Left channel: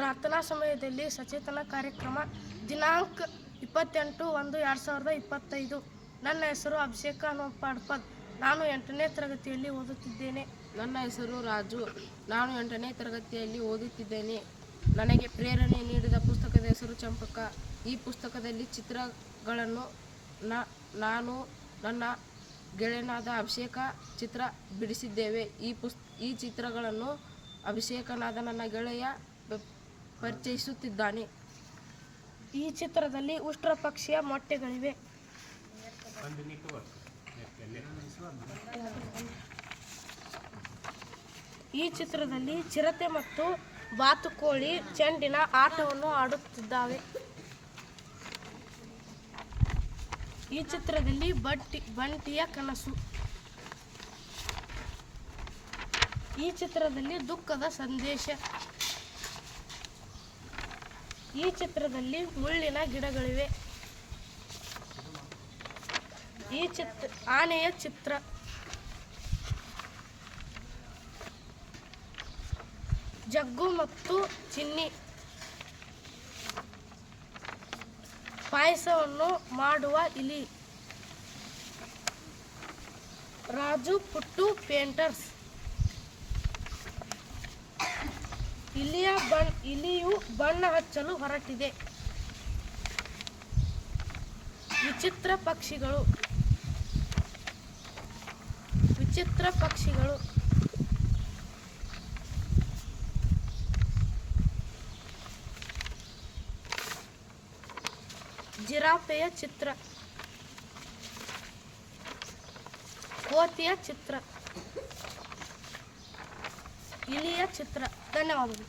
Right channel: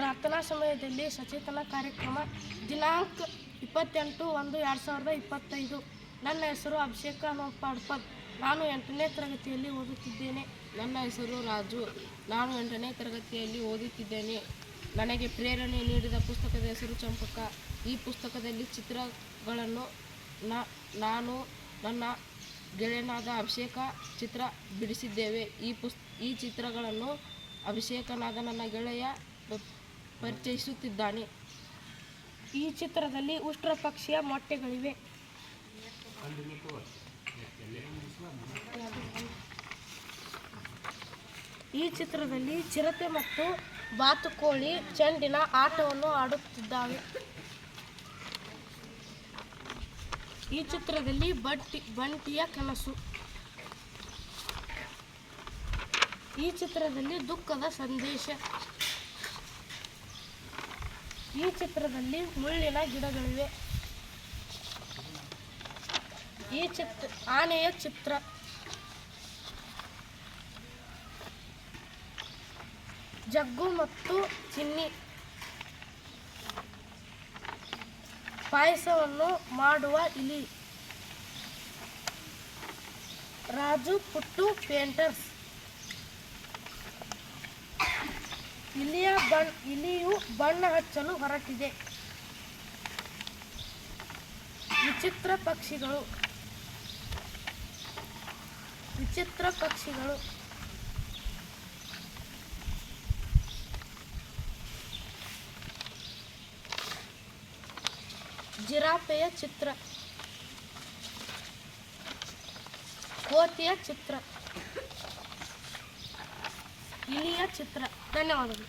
ಪ್ರಾರ್ಥನಾ ಸಮಯದಲ್ಲಿ ಸಚೇತನ ಕಾರ್ಯಕ್ರಮ ದಿನಾಂಕ 28/1/2025. ನನ್ನ ಹೆಸರು ಅಭಿಷೇಕ ನೋಪಾಡ್ಪದ್. ನಾನು 8ನೇ ತರಗತಿಯಲ್ಲಿ ಓದುತ್ತಿದ್ದೇನೆ. ನನ್ನ ಹೆಸರು ರಾಜು. ನಾನು 8ನೇ ತರಗತಿಯಲ್ಲಿ ಓದುತ್ತಿದ್ದೇನೆ. ನನಗೆ ಪ್ರೇರಣೆ ನೀಡಿದ ಪುಸ್ತಕದ ಹೆಸರು ಚಂಪಕ. ಈ ಪುಸ್ತಕದಲ್ಲಿ ಚಿತ್ರಗಳನ್ನು ನಾನು ನನ್ನ ಗೆಳೆಯನಾದ ಅಭಿಷೇಕ ಚಿತ್ರ ಬಿಡಿಸಿದ್ದೇವೆ. ಈ ಚಿತ್ರಗಳನ್ನು ಅಭಿಷೇಕನಾದ ನನ್ನ ಗೆಳೆಯ ಪರಿಚಯಿಸುತ್ತಿದ್ದಾನೆ. ಈ ಚಿತ್ರದಲ್ಲಿ ಉಷ್ಟ್ರ ಪಕ್ಷಿಯ ಮೊಟ್ಟೆಗಳಿವೆ. ಈ ಚಿತ್ರದಲ್ಲಿ ಚಿರತೆ ಮತ್ತು ಬಾತುಕೋಳಿ ಚೆಂಡಿನ ಆಟವನ್ನು ಆಡುತ್ತಿದ್ದಾವೆ. ಈ ಚಿತ್ರದಲ್ಲಿ ಬಂಟಿಯ ಕನಸು. ಈ ಚಿತ್ರದಲ್ಲಿ ದುಃಖದ ಸಂದೇಶ. ಈ ಚಿತ್ರದಲ್ಲಿ ಮುಳ್ಳಿನ ಗಿಡಗಳಿವೆ. ಈ ಆನೆಯ ಚಿತ್ರ. ಜಗ್ಗು ಮತ್ತು ಚಿನ್ನಿ. ಪಾಯಸವನ್ನು ಮಾಡುವ ಇಲಿ. ರಾಜು ಪುಟ್ಟು ಪೇಂಟರ್ಸ್. ಇಲಿಯು ಬಣ್ಣ ಹಚ್ಚಲು ಹೊರಟಿದೆ. ವಿಚಿತ್ರ ಪಕ್ಷಿಗಳು. ಜಿರಾಫೆಯ ಚಿತ್ರ. ಕೋತಿಯ ಚಿತ್ರ. ಇಲಿಯ ಚಿತ್ರ. ಧನ್ಯವಾದಗಳು.